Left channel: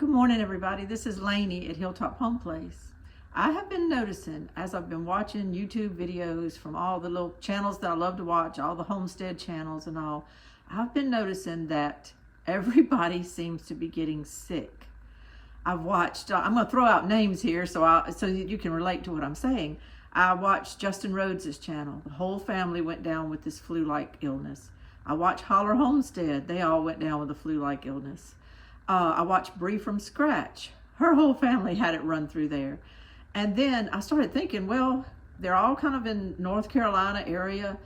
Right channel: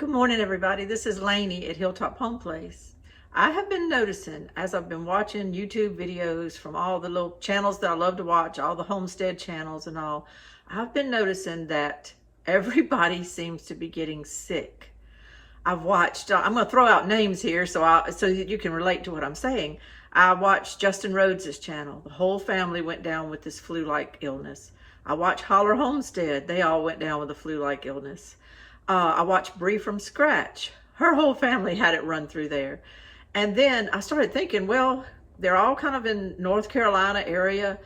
Good morning, everybody. This is Lainey at Hilltop Home Place. I have been noticing as I've been watching YouTube videos from all the little channels that I love to watch, all the homestead channels and all, I've been noticing that everybody seems to be getting sick. I've watched, I'm going to throw out names here so you can relate to what I'm saying. I watched Justin Rhodes' channel. The whole family went down with this flu-like illness. I watched Holler Homestead. They all went down with a flu-like illness. I watched Bree from Scratch. Her whole family had it run through there. And then I started thinking, well, they're all kind of in North Carolina area.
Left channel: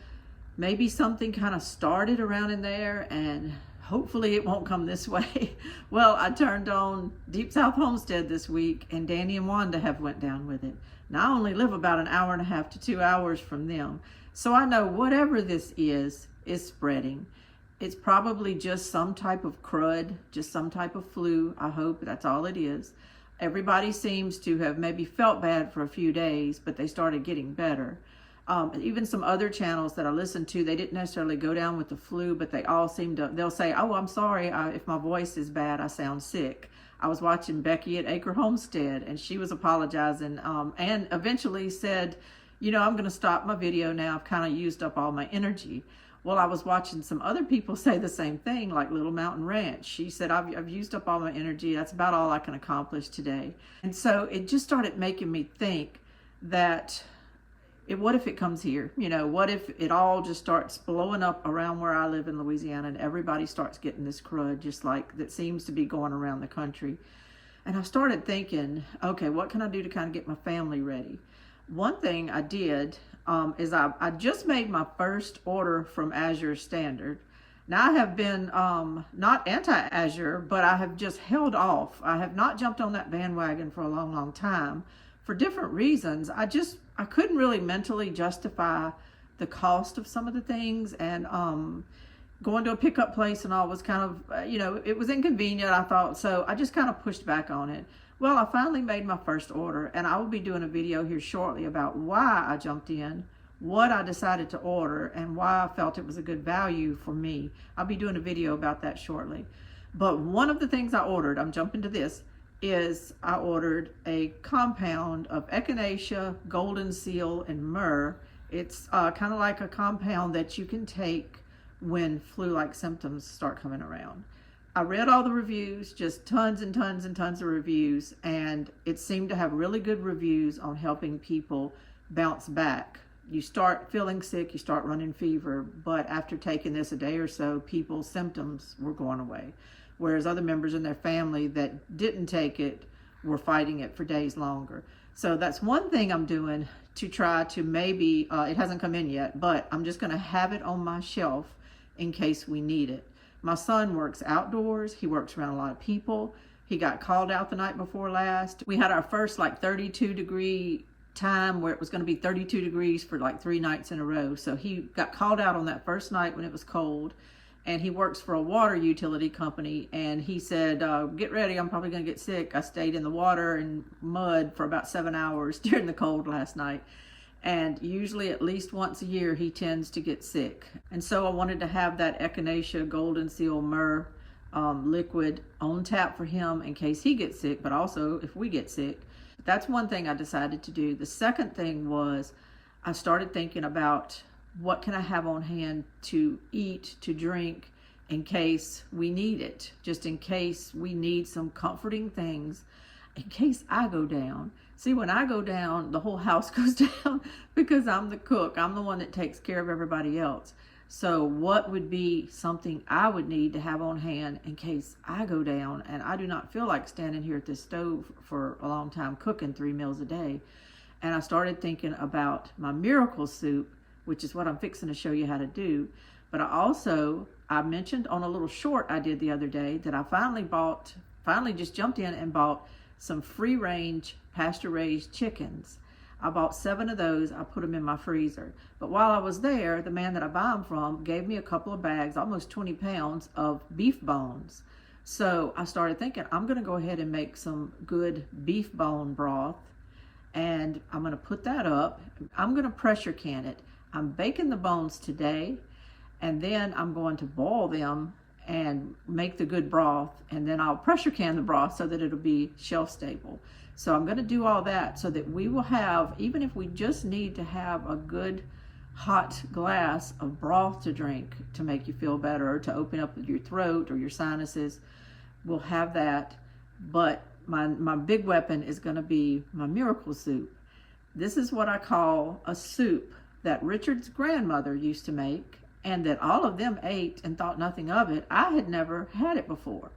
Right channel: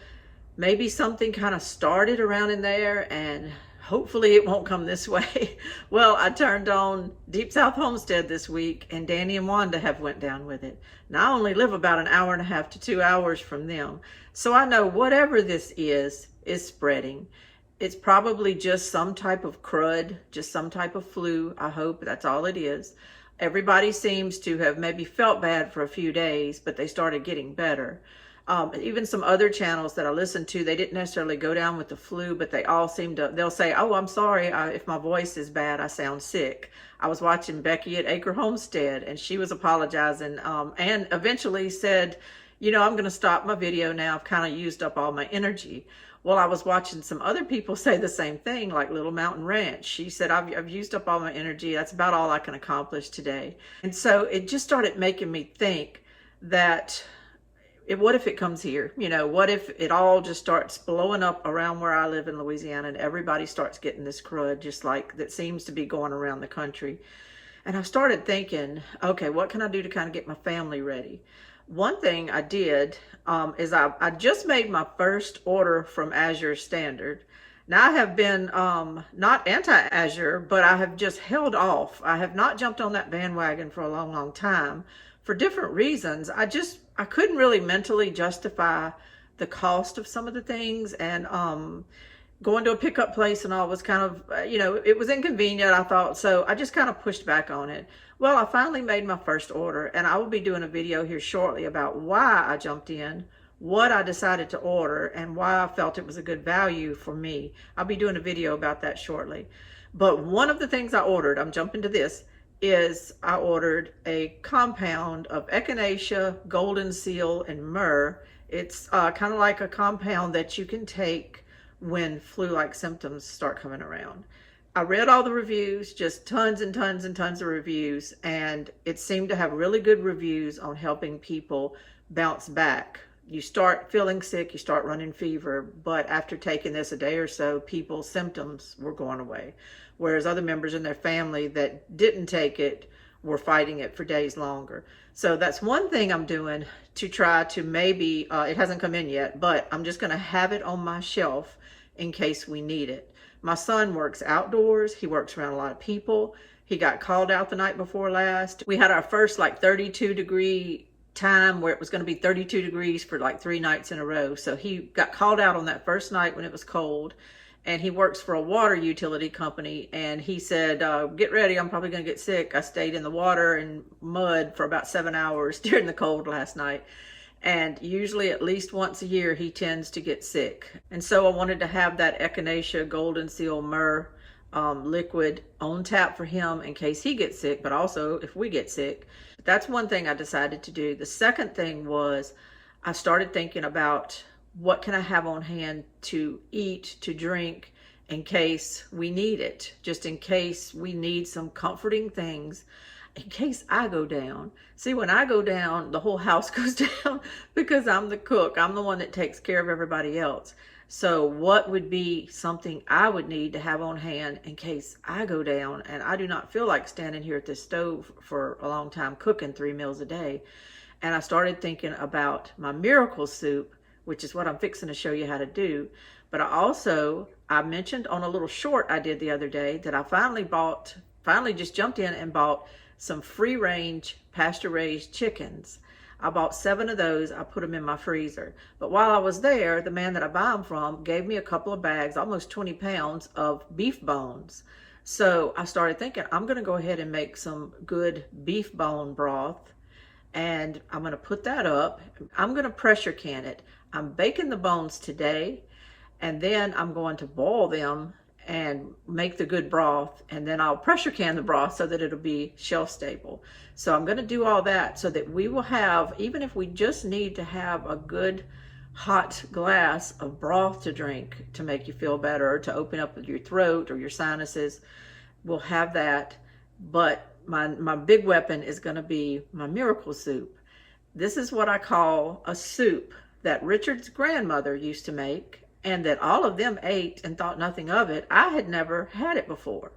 Maybe something kind of started around in there and hopefully it won't come this way. Well, I turned on Deep South Homestead this week and Danny and Wanda have went down with it. Now I only live about an hour and a half to 2 hours from them. So I know whatever this is spreading. It's probably just some type of crud, just some type of flu. I hope that's all it is. Everybody seems to have maybe felt bad for a few days, but they started getting better. Even some other channels that I listen to, they didn't necessarily go down with the flu, but they all seem to, they'll say, oh, I'm sorry if my voice is bad, I sound sick. I was watching Becky at Acre Homestead and she was apologizing and eventually said, you know, I'm going to stop my video now. I've kind of used up all my energy. Well, I was watching some other people say the same thing, like Little Mountain Ranch. She said, I've used up all my energy. That's about all I can accomplish today. And so it just started making me think that what if it comes here? You know, what if it all just starts blowing up around where I live in Louisiana and everybody starts getting this crud, just like that seems to be going around the country. And I started thinking, okay, what can I do to kind of get my family ready? One thing I did is I just made my first order from Azure Standard. Now I have been not anti-Azure, but I have just held off. I have not jumped on that bandwagon for a long, long time for different reasons. I couldn't really mentally justify the cost of some of the things, and going to a pickup place and all was kind of, you know, it was inconvenient, I thought, so I just kind of pushed back on it. Well, I finally made my first order, and I will be doing a video here shortly about why I jumped in, what I decided to order, and why I felt it was a good value for me. I'll be doing a video about that shortly. But one of the things I ordered, I'm jumping to this, is I ordered a compound of echinacea, golden seal, and myrrh. It's kind of like a compound that you can take when flu-like symptoms start coming around. I read all the reviews, just tons and tons and tons of reviews, and it seemed to have really good reviews on helping people bounce back. You start feeling sick, you start running fever, but after taking this a day or so, people's symptoms were going away. Whereas other members in their family that didn't take it were fighting it for days longer. So that's one thing I'm doing to try to maybe, it hasn't come in yet, but I'm just gonna have it on my shelf in case we need it. My son works outdoors. He works around a lot of people. He got called out the night before last. We had our first like 32-degree time where it was going to be 32 degrees for like 3 nights in a row. So he got called out on that first night when it was cold, and he works for a water utility company. And he said, get ready, I'm probably going to get sick. I stayed in the water and mud for about 7 hours during the cold last night. And usually at least once a year, he tends to get sick. And so I wanted to have that echinacea, golden seal, myrrh liquid on tap for him in case he gets sick, but also if we get sick. That's one thing I decided to do. The second thing was I started thinking about what can I have on hand to eat, to drink, in case we need it, just in case we need some comforting things, in case I go down. See, when I go down, the whole house goes down because I'm the cook. I'm the one that takes care of everybody else. So what would be something I would need to have on hand in case I go down and I do not feel like standing here at this stove for a long time cooking 3 meals a day? And I started thinking about my miracle soup, which is what I'm fixing to show you how to do. But I mentioned on a little short I did the other day that I finally just jumped in and bought some free-range pasture-raised chickens. I bought 7 of those. I put them in my freezer. But while I was there, the man that I buy them from gave me a couple of bags, almost 20 pounds of beef bones. So I started thinking, I'm going to go ahead and make some good beef bone broth, and I'm going to put that up. I'm going to pressure can it. I'm baking the bones today, and then I'm going to boil them and make the good broth, and then I'll pressure can the broth so that it'll be shelf stable. So I'm going to do all that so that we will have, even if we just need to have a good hot glass of broth to drink to make you feel better, or to open up your throat or your sinuses, we'll have that. But my big weapon is going to be my miracle soup. This is what I call a soup that Richard's grandmother used to make, and that all of them ate and thought nothing of it. I had never had it before.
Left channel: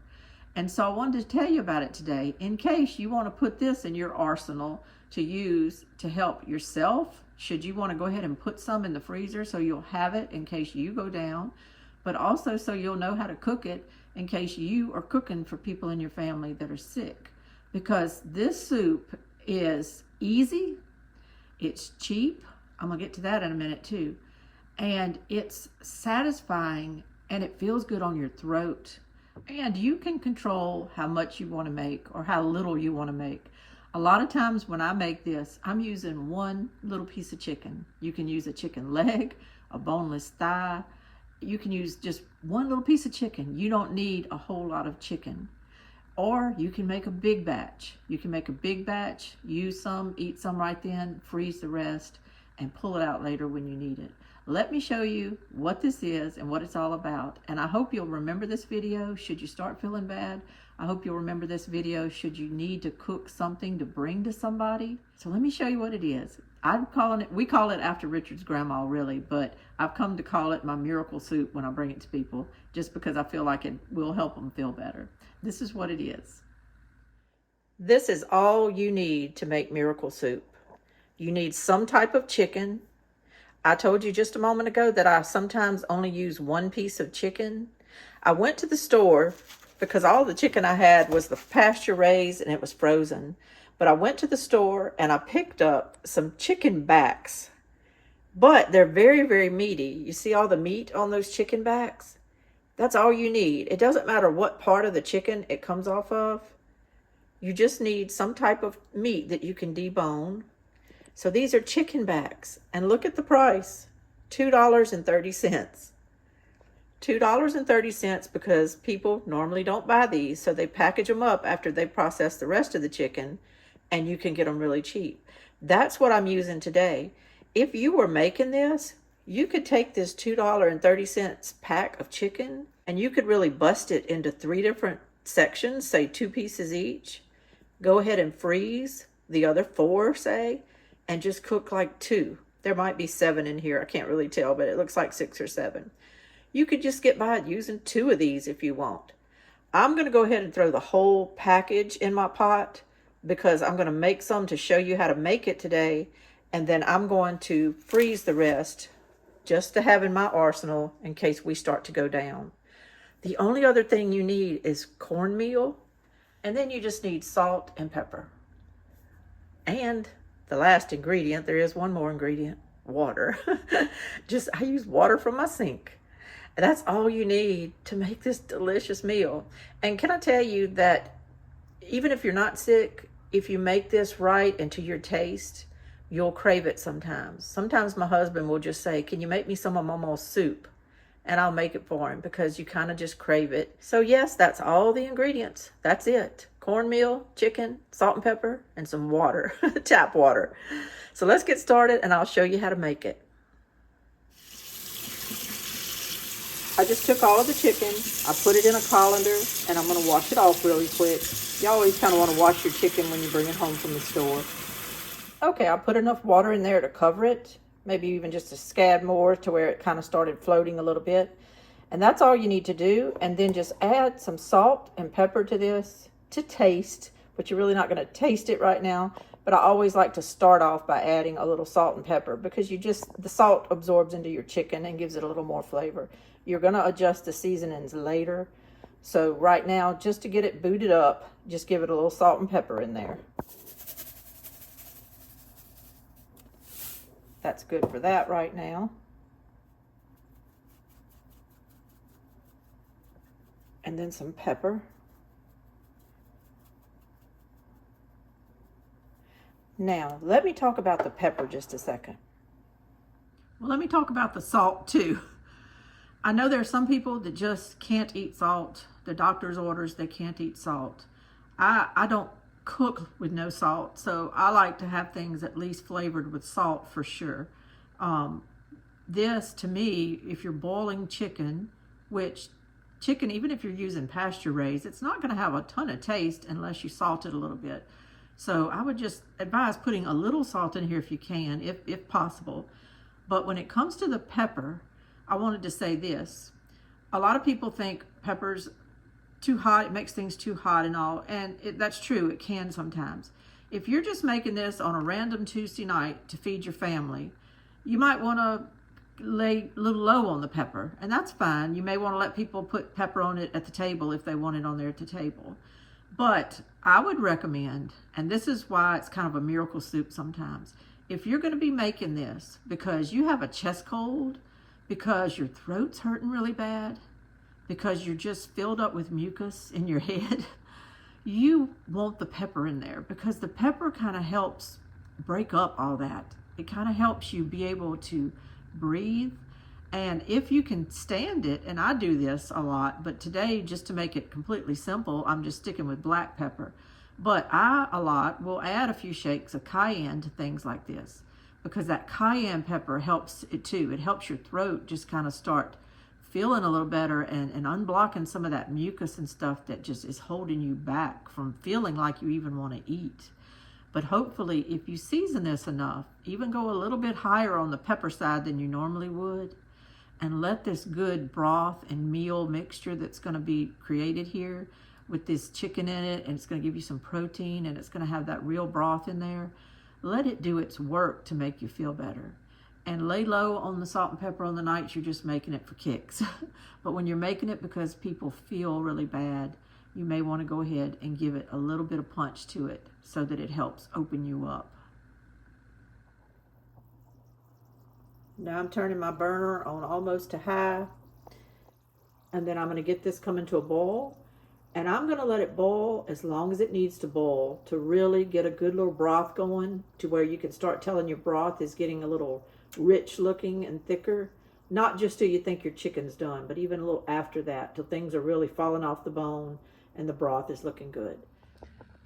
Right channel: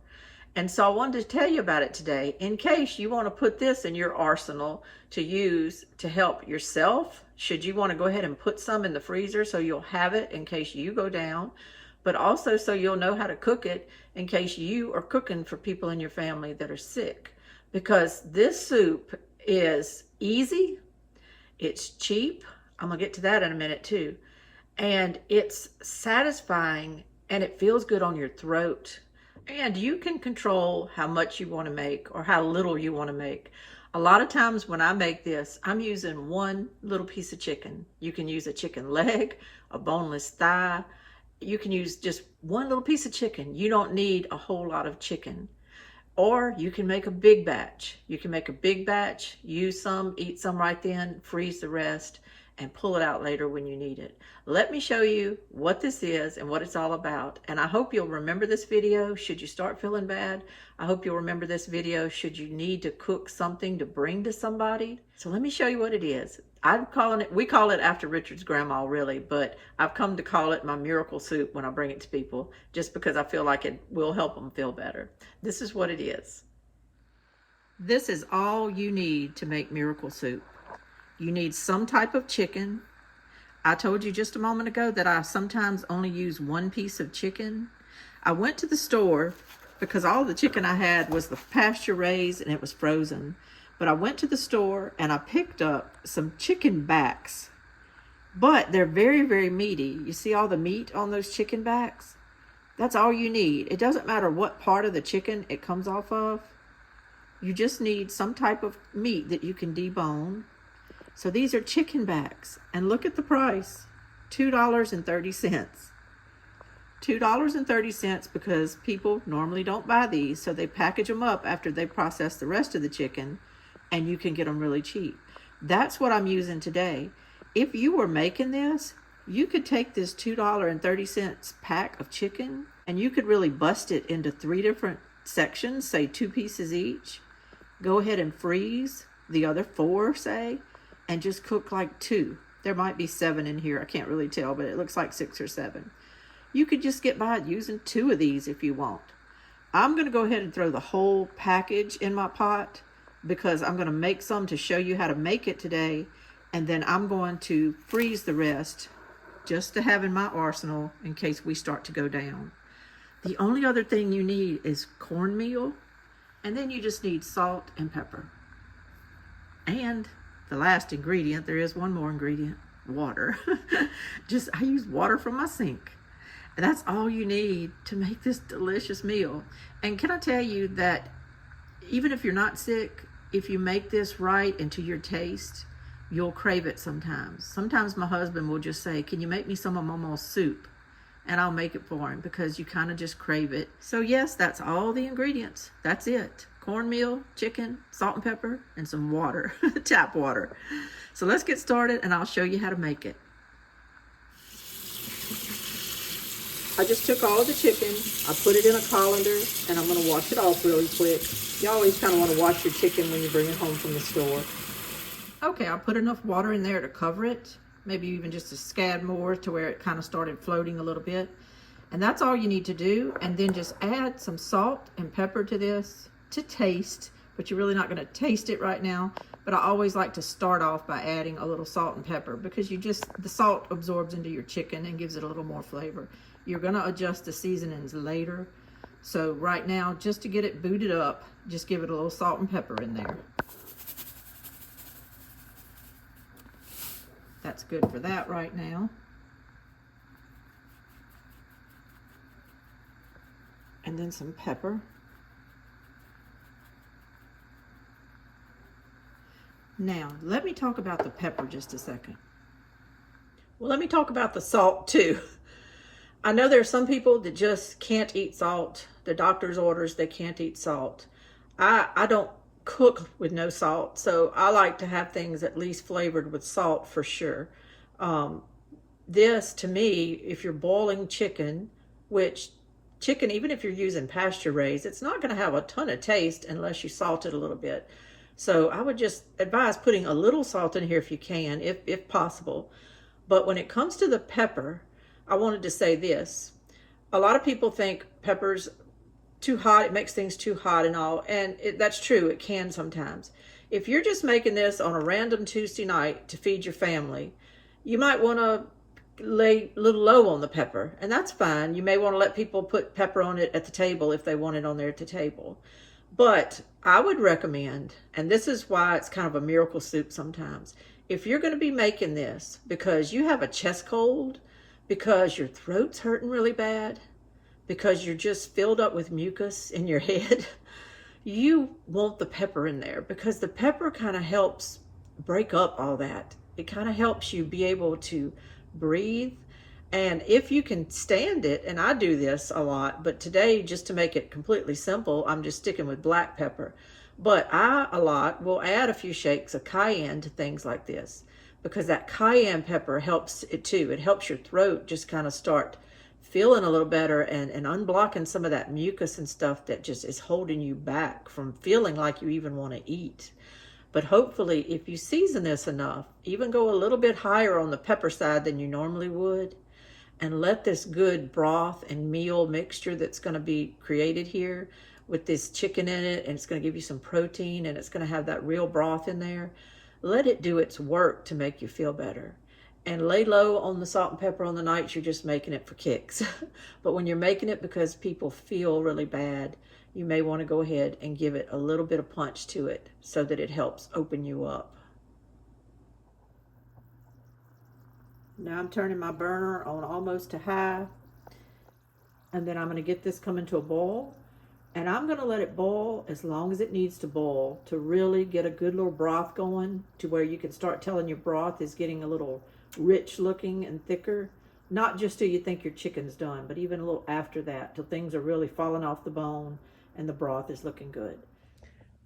And so I wanted to tell you about it today in case you want to put this in your arsenal to use to help yourself. Should you want to go ahead and put some in the freezer so you'll have it in case you go down, but also so you'll know how to cook it in case you are cooking for people in your family that are sick. Because this soup is easy, it's cheap. I'm gonna get to that in a minute too. And it's satisfying, and it feels good on your throat. And you can control how much you want to make or how little you want to make. A lot of times when I make this, I'm using one little piece of chicken. You can use a chicken leg, a boneless thigh. You can use just one little piece of chicken. You don't need a whole lot of chicken. Or you can make a big batch. You can make a big batch, use some, eat some right then, freeze the rest, and pull it out later when you need it. Let me show you what this is and what it's all about. And I hope you'll remember this video should you start feeling bad. I hope you'll remember this video should you need to cook something to bring to somebody. So let me show you what it is. We call it after Richard's grandma really, but I've come to call it my miracle soup when I bring it to people, just because I feel like it will help them feel better. This is what it is. This is all you need to make miracle soup. You need some type of chicken. I told you just a moment ago that I sometimes only use one piece of chicken. I went to the store because all the chicken I had was the pasture raised and it was frozen. But I went to the store and I picked up some chicken backs. But they're very, very meaty. You see all the meat on those chicken backs? That's all you need. It doesn't matter what part of the chicken it comes off of. You just need some type of meat that you can debone. So these are chicken backs, and look at the price, $2.30. $2.30 because people normally don't buy these, so they package them up after they process the rest of the chicken, and you can get them really cheap. That's what I'm using today. If you were making this, you could take this $2.30 pack of chicken, and you could really bust it into 3 different sections, say 2 pieces each. Go ahead and freeze the other 4, say, and just cook like 2. There might be 7 in here. I can't really tell, but it looks like 6 or 7. You could just get by using 2 of these if you want. I'm going to go ahead and throw the whole package in my pot because I'm going to make some to show you how to make it today. And then I'm going to freeze the rest just to have in my arsenal in case we start to go down. The only other thing you need is cornmeal. And then you just need salt and pepper. And the last ingredient, there is one more ingredient, water. I use water from my sink. And that's all you need to make this delicious meal. And can I tell you that even if you're not sick, if you make this right and to your taste, you'll crave it sometimes. Sometimes my husband will just say, can you make me some of Mama's soup? And I'll make it for him because you kind of just crave it. So yes, that's all the ingredients. That's it. Cornmeal, chicken, salt and pepper, and some water, tap water. So let's get started and I'll show you how to make it. I just took all of the chicken, I put it in a colander, and I'm gonna wash it off really quick. You always kind of want to wash your chicken when you bring it home from the store. Okay, I put enough water in there to cover it, maybe even just a scad more to where it kind of started floating a little bit. And that's all you need to do. And then just add some salt and pepper to this to taste, but you're really not going to taste it right now. But I always like to start off by adding a little salt and pepper because the salt absorbs into your chicken and gives it a little more flavor. You're going to adjust the seasonings later. So right now, just to get it booted up, just give it a little salt and pepper in there. That's good for that right now. And then some pepper. Now, let me talk about the pepper just a second. Well, let me talk about the salt too. I know there are some people that just can't eat salt. The doctor's orders, they can't eat salt. I don't cook with no salt, so I like to have things at least flavored with salt for sure. Um, this, to me, if you're boiling chicken, which chicken, even if you're using pasture raised, it's not going to have a ton of taste unless you salt it a little bit. So I would just advise putting a little salt in here if you can, if possible. But when it comes to the pepper, I wanted to say this. A lot of people think pepper's too hot, it makes things too hot and all, and that's true, it can sometimes. If you're just making this on a random Tuesday night to feed your family, you might want to lay a little low on the pepper, and that's fine. You may want to let people put pepper on it at the table if they want it on there at the table. But I would recommend, and this is why it's kind of a miracle soup sometimes, if you're going to be making this because you have a chest cold, because your throat's hurting really bad, because you're just filled up with mucus in your head, you want the pepper in there, because the pepper kind of helps break up all that. It kind of helps you be able to breathe. And if you can stand it, and I do this a lot, but today, just to make it completely simple, I'm just sticking with black pepper. But I, a lot, will add a few shakes of cayenne to things like this, because that cayenne pepper helps it too. It helps your throat just kind of start feeling a little better and unblocking some of that mucus and stuff that just is holding you back from feeling like you even want to eat. But hopefully, if you season this enough, even go a little bit higher on the pepper side than you normally would, and let this good broth and meal mixture that's going to be created here with this chicken in it, and it's going to give you some protein, and it's going to have that real broth in there, let it do its work to make you feel better. And lay low on the salt and pepper on the nights you're just making it for kicks. But when you're making it because people feel really bad, you may want to go ahead and give it a little bit of punch to it so that it helps open you up. Now I'm turning my burner on almost to high, and then I'm going to get this coming to a boil, and I'm going to let it boil as long as it needs to boil to really get a good little broth going, to where you can start telling your broth is getting a little rich looking and thicker. Not just till you think your chicken's done, but even a little after that, till things are really falling off the bone and the broth is looking good.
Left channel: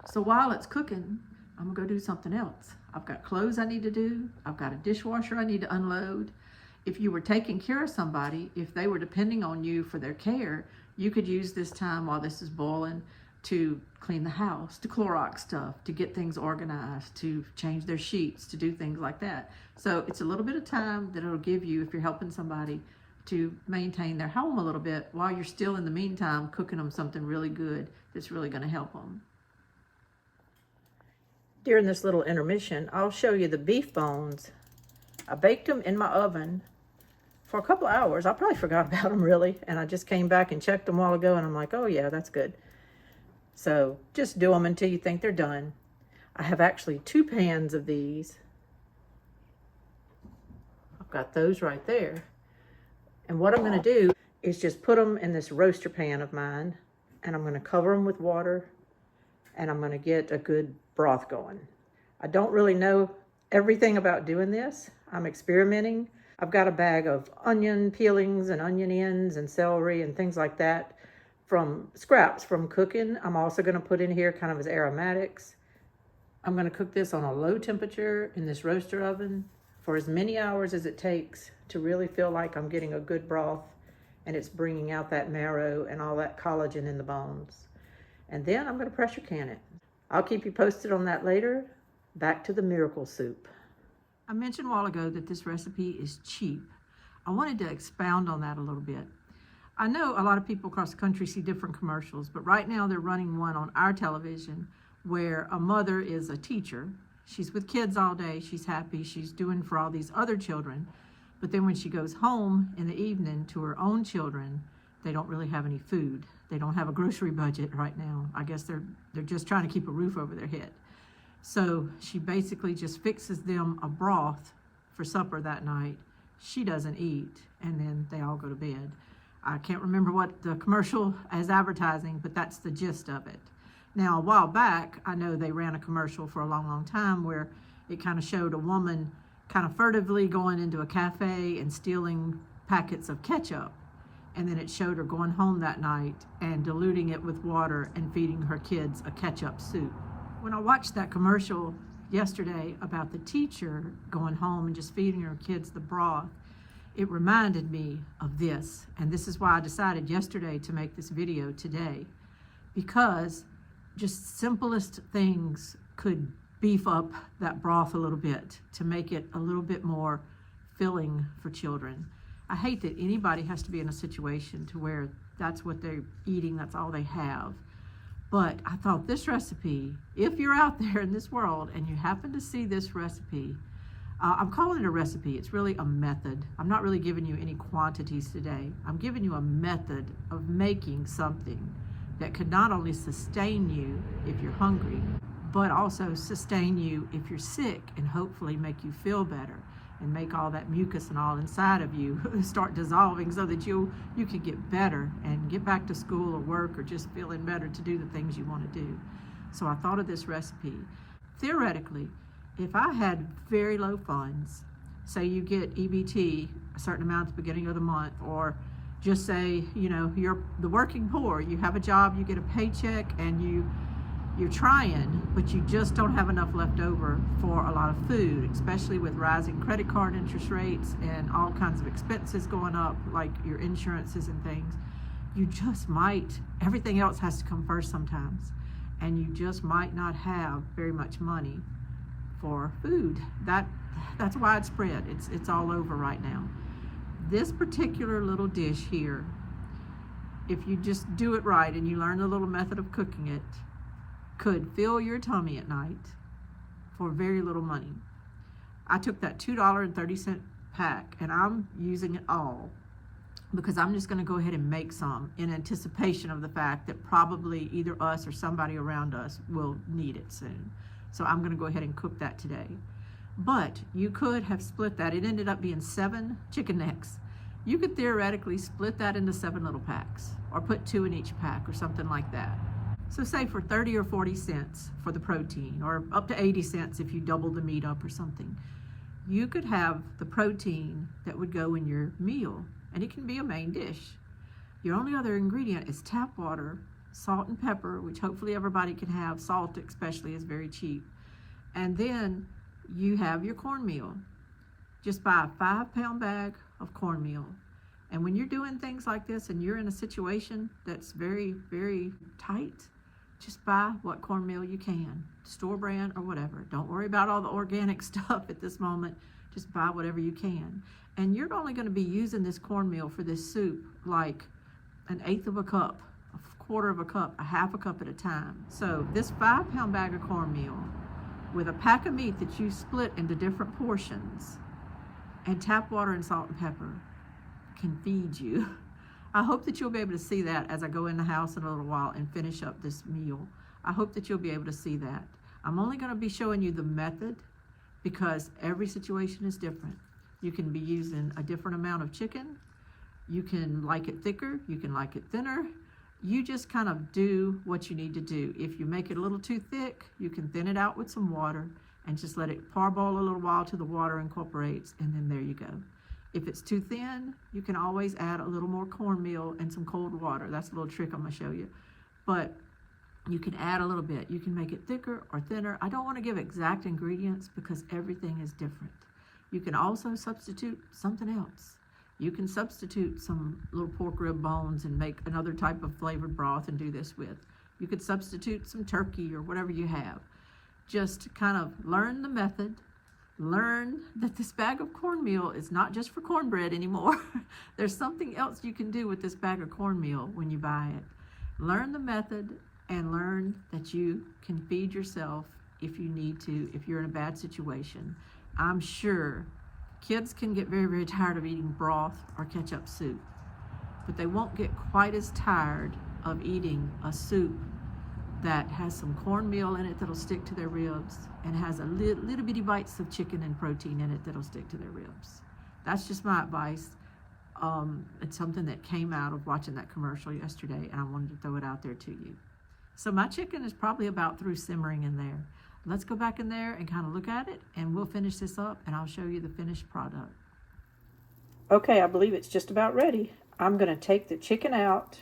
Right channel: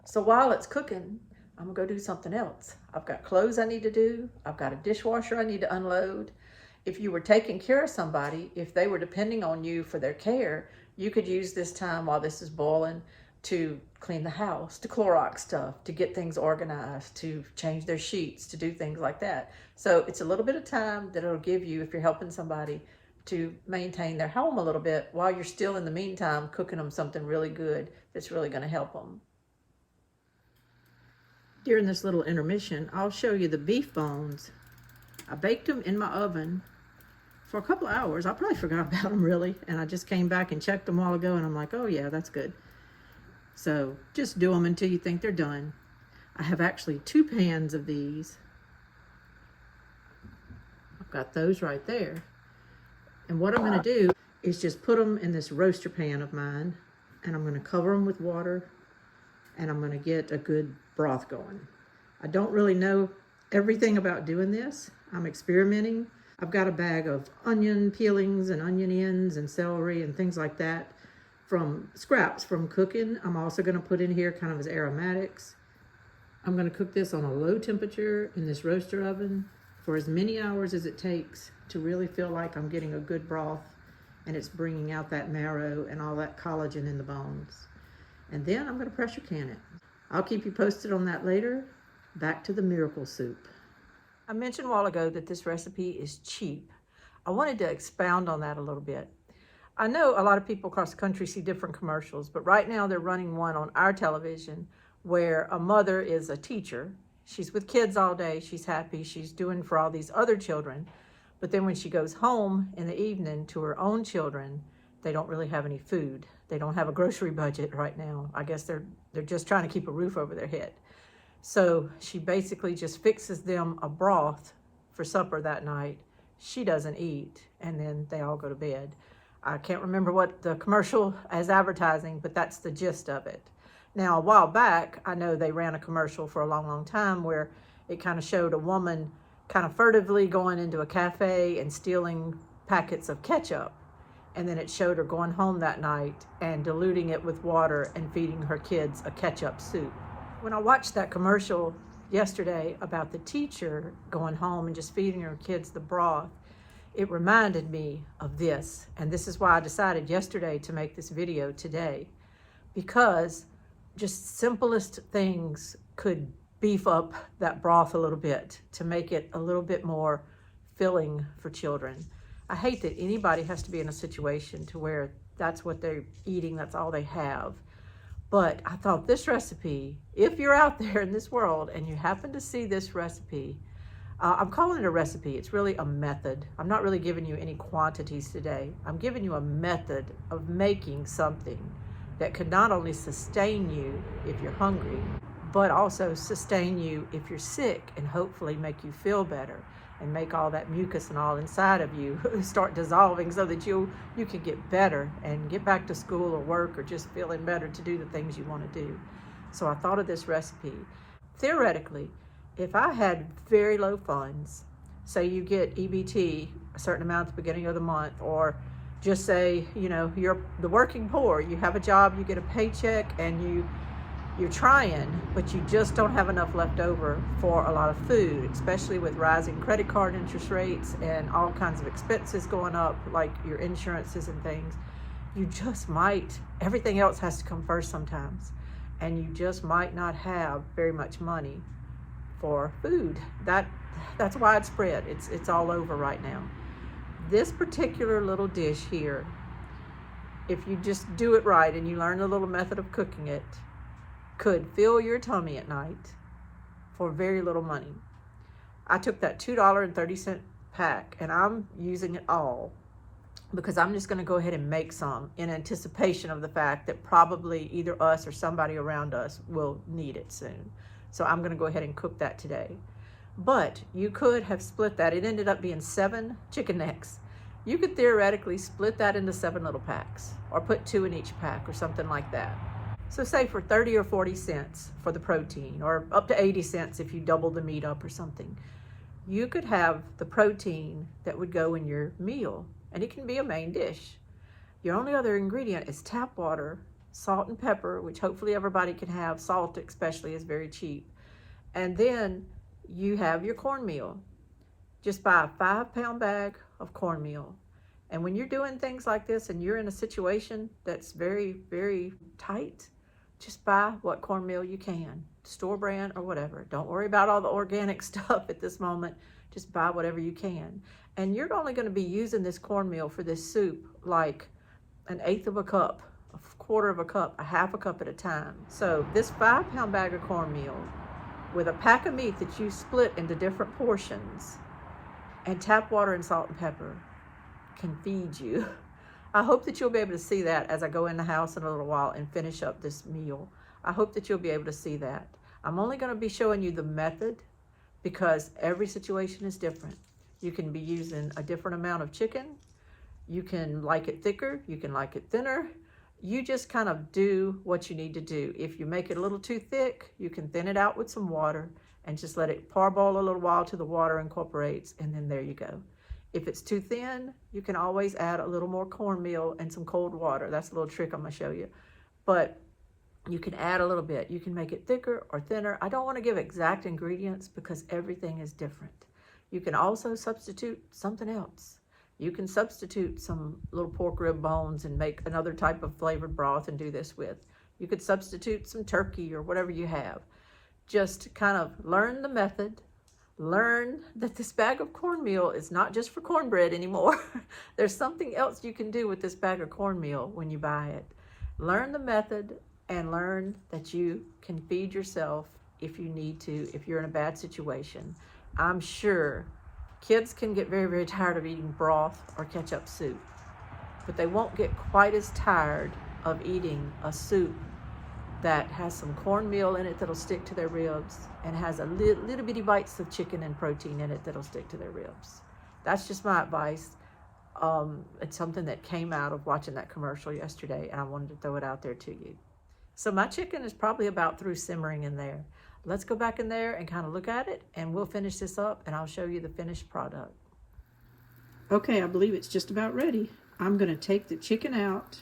So while it's cooking, I'm gonna go do something else. I've got clothes I need to do. I've got a dishwasher I need to unload. If you were taking care of somebody, if they were depending on you for their care, you could use this time while this is boiling to clean the house, to Clorox stuff, to get things organized, to change their sheets, to do things like that. So it's a little bit of time that it'll give you, if you're helping somebody, to maintain their home a little bit while you're still, in the meantime, cooking them something really good that's really going to help them. During this little intermission, I'll show you the beef bones. I baked them in my oven for a couple of hours. I probably forgot about them really, and I just came back and checked them a while ago, and I'm like, oh yeah, that's good. So just do them until you think they're done. I have actually 2 pans of these. I've got those right there. And what I'm going to do is just put them in this roaster pan of mine, and I'm going to cover them with water, and I'm going to get a good broth going. I don't really know everything about doing this. I'm experimenting. I've got a bag of onion peelings and onion ends and celery and things like that from scraps from cooking. I'm also going to put in here kind of as aromatics. I'm going to cook this on a low temperature in this roaster oven for as many hours as it takes to really feel like I'm getting a good broth and it's bringing out that marrow and all that collagen in the bones. And then I'm going to pressure can it. I'll keep you posted on that later. Back to the miracle soup. I mentioned a while ago that this recipe is cheap. I wanted to expound on that a little bit. I know a lot of people across the country see different commercials, but right now they're running one on our television where a mother is a teacher. She's with kids all day. She's happy. She's doing for all these other children. But then when she goes home in the evening to her own children, they don't really have any food. They don't have a grocery budget right now. I guess they're just trying to keep a roof over their head. So she basically just fixes them a broth for supper that night. She doesn't eat, and then they all go to bed. I can't remember what the commercial is advertising, but that's the gist of it. Now, a while back, I know they ran a commercial for a long, long time where it kind of showed a woman kind of furtively going into a cafe and stealing packets of ketchup. And then it showed her going home that night and diluting it with water and feeding her kids a ketchup soup. When I watched that commercial yesterday about the teacher going home and just feeding her kids the broth, it reminded me of this. And this is why I decided yesterday to make this video today, because just simplest things could beef up that broth a little bit to make it a little bit more filling for children. I hate that anybody has to be in a situation to where that's what they're eating, that's all they have. But I thought this recipe, if you're out there in this world and you happen to see this recipe, I'm calling it a recipe. It's really a method. I'm not really giving you any quantities today. I'm giving you a method of making something that could not only sustain you if you're hungry, but also sustain you if you're sick, and hopefully make you feel better and make all that mucus and all inside of you start dissolving so that you can get better and get back to school or work or just feeling better to do the things you want to do. So I thought of this recipe. Theoretically, if I had very low funds, say you get EBT a certain amount at the beginning of the month, or just say, you know, you're the working poor, you have a job, you get a paycheck, and you're trying, but you just don't have enough left over for a lot of food, especially with rising credit card interest rates and all kinds of expenses going up, like your insurances and things. You just might, everything else has to come first sometimes, and you just might not have very much money for food. That's widespread. It's all over right now. This particular little dish here, if you just do it right and you learn the little method of cooking it, could fill your tummy at night for very little money. I took that $2.30 pack and I'm using it all because I'm just going to go ahead and make some in anticipation of the fact that probably either us or somebody around us will need it soon. So I'm going to go ahead and cook that today. But you could have split that. It ended up being 7 chicken necks. You could theoretically split that into 7 little packs, or put 2 in each pack or something like that. So say for 30 or 40 cents for the protein, or up to 80 cents if you double the meat up or something, you could have the protein that would go in your meal, and it can be a main dish. Your only other ingredient is tap water, salt and pepper, which hopefully everybody can have. Salt especially is very cheap. And then you have your cornmeal. Just buy a 5-pound bag of cornmeal. And when you're doing things like this and you're in a situation that's very, very tight, just buy what cornmeal you can, store brand or whatever. Don't worry about all the organic stuff at this moment. Just buy whatever you can. And you're only going to be using this cornmeal for this soup like 1/8 of a cup, 1/4 of a cup, 1/2 a cup at a time. So this 5-pound bag of cornmeal with a pack of meat that you split into different portions and tap water and salt and pepper can feed you. I hope that you'll be able to see that as I go in the house in a little while and finish up this meal. I hope that you'll be able to see that. I'm only going to be showing you the method because every situation is different. You can be using a different amount of chicken. You can like it thicker. You can like it thinner. You just kind of do what you need to do. If you make it a little too thick, you can thin it out with some water and just let it parboil a little while till the water incorporates, and then there you go. If it's too thin, you can always add a little more cornmeal and some cold water. That's a little trick I'm gonna show you. But you can add a little bit. You can make it thicker or thinner. I don't want to give exact ingredients because everything is different. You can also substitute something else. You can substitute some little pork rib bones and make another type of flavored broth and do this with. You could substitute some turkey or whatever you have. Just kind of learn the method. Learn that this bag of cornmeal is not just for cornbread anymore. There's something else you can do with this bag of cornmeal when you buy it. Learn the method and learn that you can feed yourself if you need to, if you're in a bad situation. I'm sure kids can get very, very tired of eating broth or ketchup soup, but they won't get quite as tired of eating a soup that has some cornmeal in it that'll stick to their ribs and has a little bitty bites of chicken and protein in it that'll stick to their ribs. That's just my advice. It's something that came out of watching that commercial yesterday, and I wanted to throw it out there to you. So my chicken is probably about through simmering in there. Let's go back in there and kind of look at it, and we'll finish this up and I'll show you the finished product. Okay, I believe it's just about ready. I'm going to take the chicken out.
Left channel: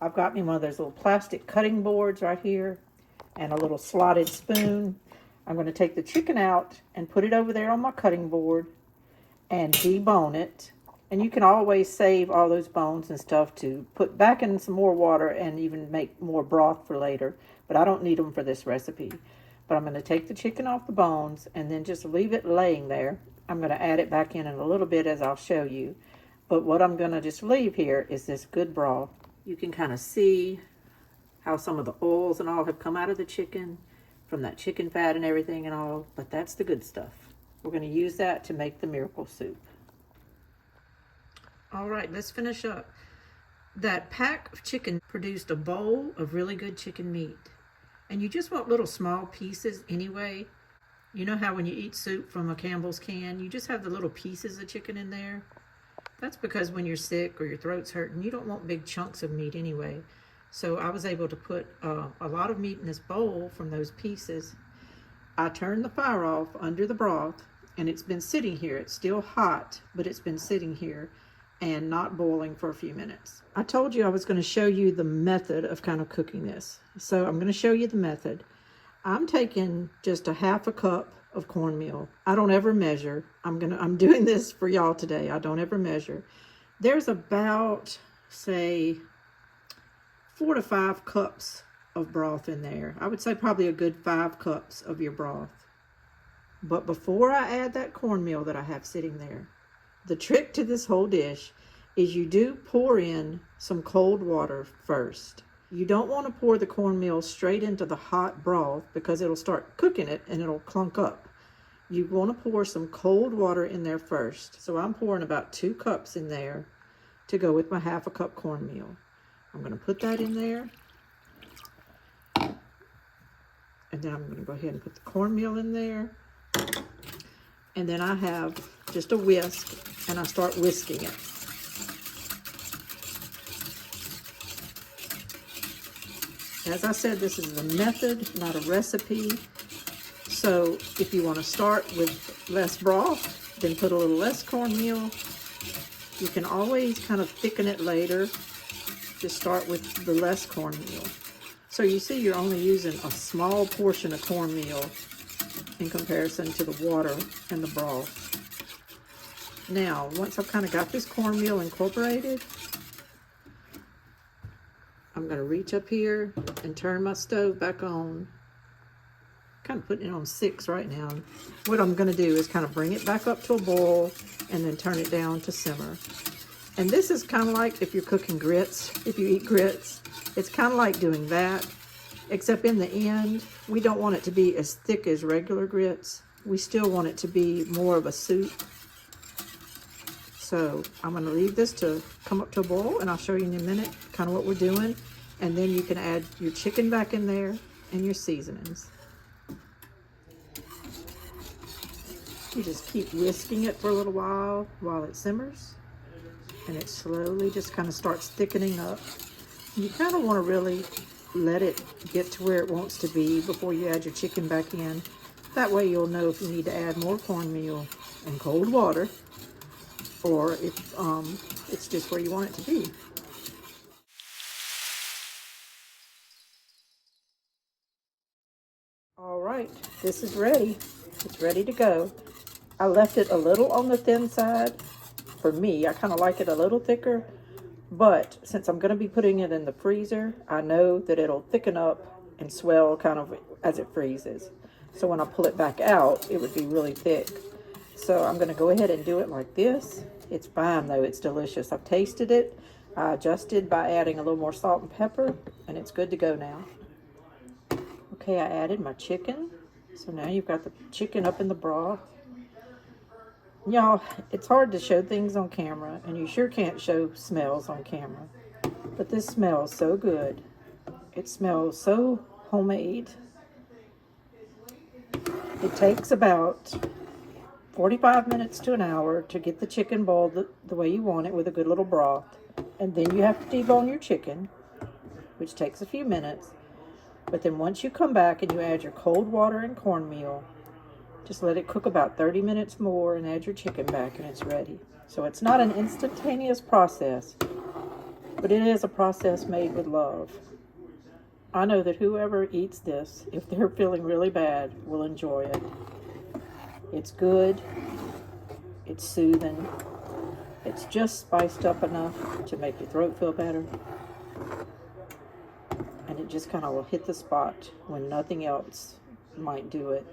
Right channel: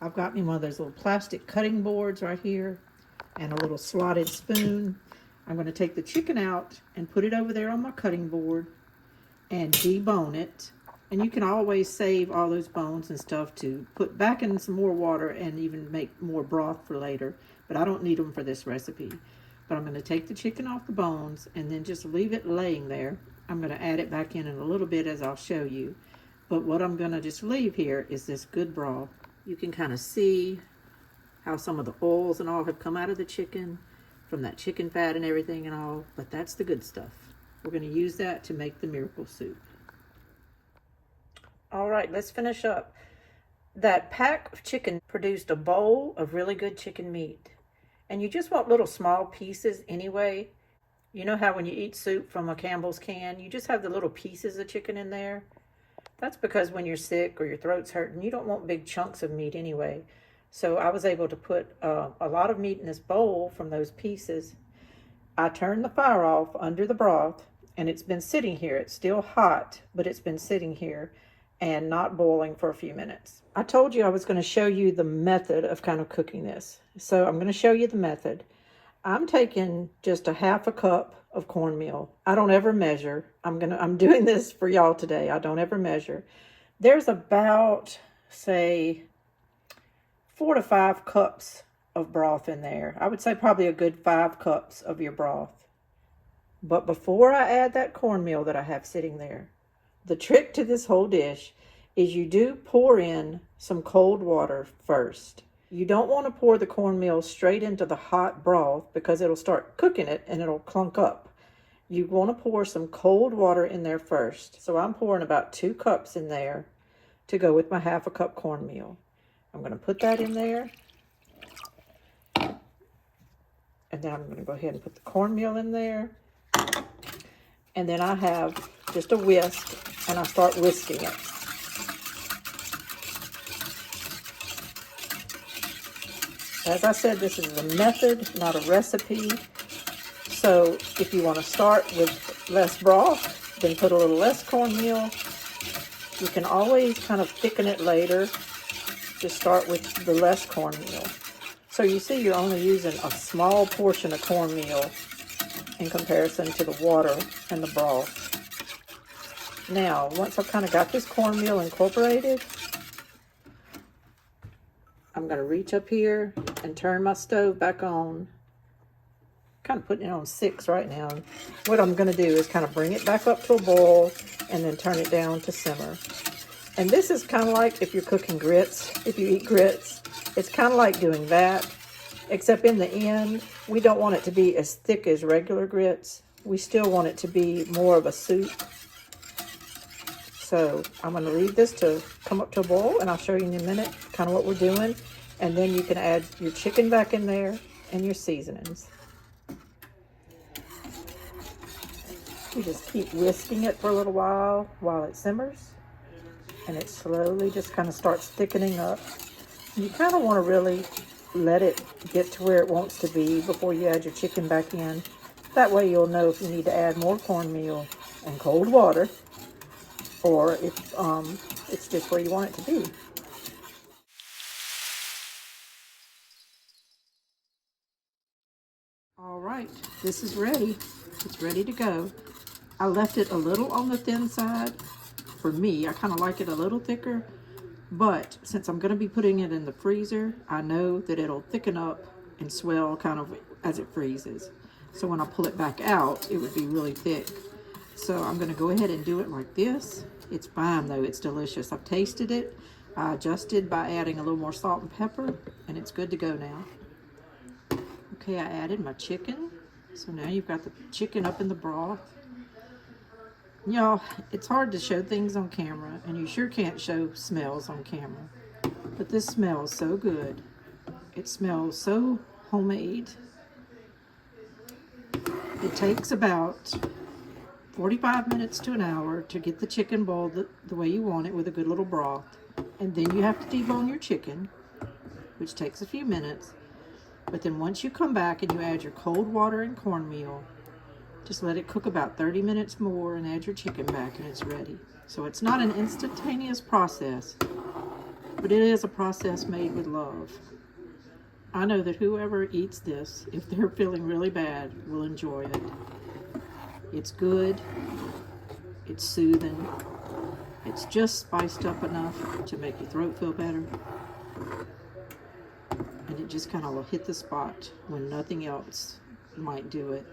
I've got me one of those little plastic cutting boards right here and a little slotted spoon. I'm going to take the chicken out and put it over there on my cutting board and debone it. And you can always save all those bones and stuff to put back in some more water and even make more broth for later. But I don't need them for this recipe. But I'm going to take the chicken off the bones and then just leave it laying there. I'm going to add it back in a little bit as I'll show you. But what I'm going to just leave here is this good broth. You can kind of see how some of the oils and all have come out of the chicken from that chicken fat and everything and all. But that's the good stuff. We're going to use that to make the miracle soup. All right, let's finish up. That pack of chicken produced a bowl of really good chicken meat. And you just want little small pieces anyway. You know how when you eat soup from a Campbell's can, you just have the little pieces of chicken in there? That's because when you're sick or your throat's hurting, you don't want big chunks of meat anyway. So I was able to put a lot of meat in this bowl from those pieces. I turned the fire off under the broth, and it's been sitting here. It's still hot, but it's been sitting here and not boiling for a few minutes. I told you I was going to show you the method of kind of cooking this. So I'm going to show you the method. I'm taking just a half a cup of cornmeal. I don't ever measure. I'm doing this for y'all today. I don't ever measure. There's about, say, 4 to 5 cups of broth in there. I would say probably a good 5 cups of your broth. But before I add that cornmeal that I have sitting there, the trick to this whole dish is you do pour in some cold water first. You don't want to pour the cornmeal straight into the hot broth because it'll start cooking it and it'll clunk up. You want to pour some cold water in there first. So I'm pouring about 2 cups in there to go with my half a cup cornmeal. I'm going to put that in there. And then I'm going to go ahead and put the cornmeal in there. And then I have just a whisk, and I start whisking it. As I said, this is a method, not a recipe. So if you want to start with less broth, then put a little less cornmeal. You can always kind of thicken it later. Just start with the less cornmeal. So you see you're only using a small portion of cornmeal in comparison to the water and the broth. Now, once I've kind of got this cornmeal incorporated, I'm going to reach up here and turn my stove back on. Kind of putting it on 6 right now. What I'm going to do is kind of bring it back up to a boil and then turn it down to simmer. And this is kind of like if you're cooking grits, if you eat grits, it's kind of like doing that. Except in the end, we don't want it to be as thick as regular grits. We still want it to be more of a soup. So I'm going to leave this to come up to a boil, and I'll show you in a minute kind of what we're doing. And then you can add your chicken back in there and your seasonings. You just keep whisking it for a little while it simmers. And it slowly just kind of starts thickening up. You kind of want to really let it get to where it wants to be before you add your chicken back in. That way you'll know if you need to add more cornmeal and cold water, or if it's just where you want it to be. All right, this is ready. It's ready to go. I left it a little on the thin side. For me, I kind of like it a little thicker. But since I'm going to be putting it in the freezer, I know that it'll thicken up and swell kind of as it freezes. So when I pull it back out, it would be really thick. So I'm going to go ahead and do it like this. It's fine though, it's delicious. I've tasted it. I adjusted by adding a little more salt and pepper, and it's good to go now. Okay, I added my chicken. So now you've got the chicken up in the broth. Y'all, it's hard to show things on camera, and you sure can't show smells on camera. But this smells so good. It smells so homemade. It takes about 45 minutes to an hour to get the chicken boiled the way you want it with a good little broth. And then you have to debone your chicken, which takes a few minutes. But then once you come back and you add your cold water and cornmeal, just let it cook about 30 minutes more and add your chicken back and it's ready. So it's not an instantaneous process, but it is a process made with love. I know that whoever eats this, if they're feeling really bad, will enjoy it. It's good, it's soothing, it's just spiced up enough to make your throat feel better, and it just kind of will hit the spot when nothing else might do it.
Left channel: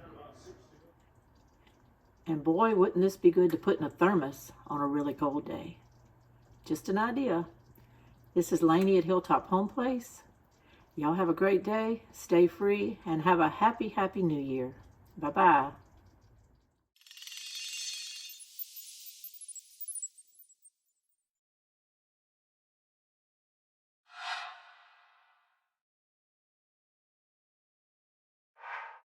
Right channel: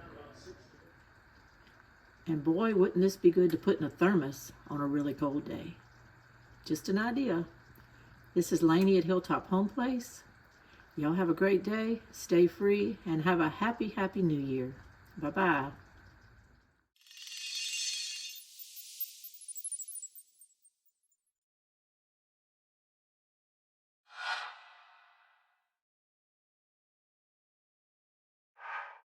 And boy, wouldn't this be good to put in a thermos on a really cold day. Just an idea. This is Lainey at Hilltop Home Place. Y'all have a great day, stay free, and have a happy, happy new year. Bye-bye.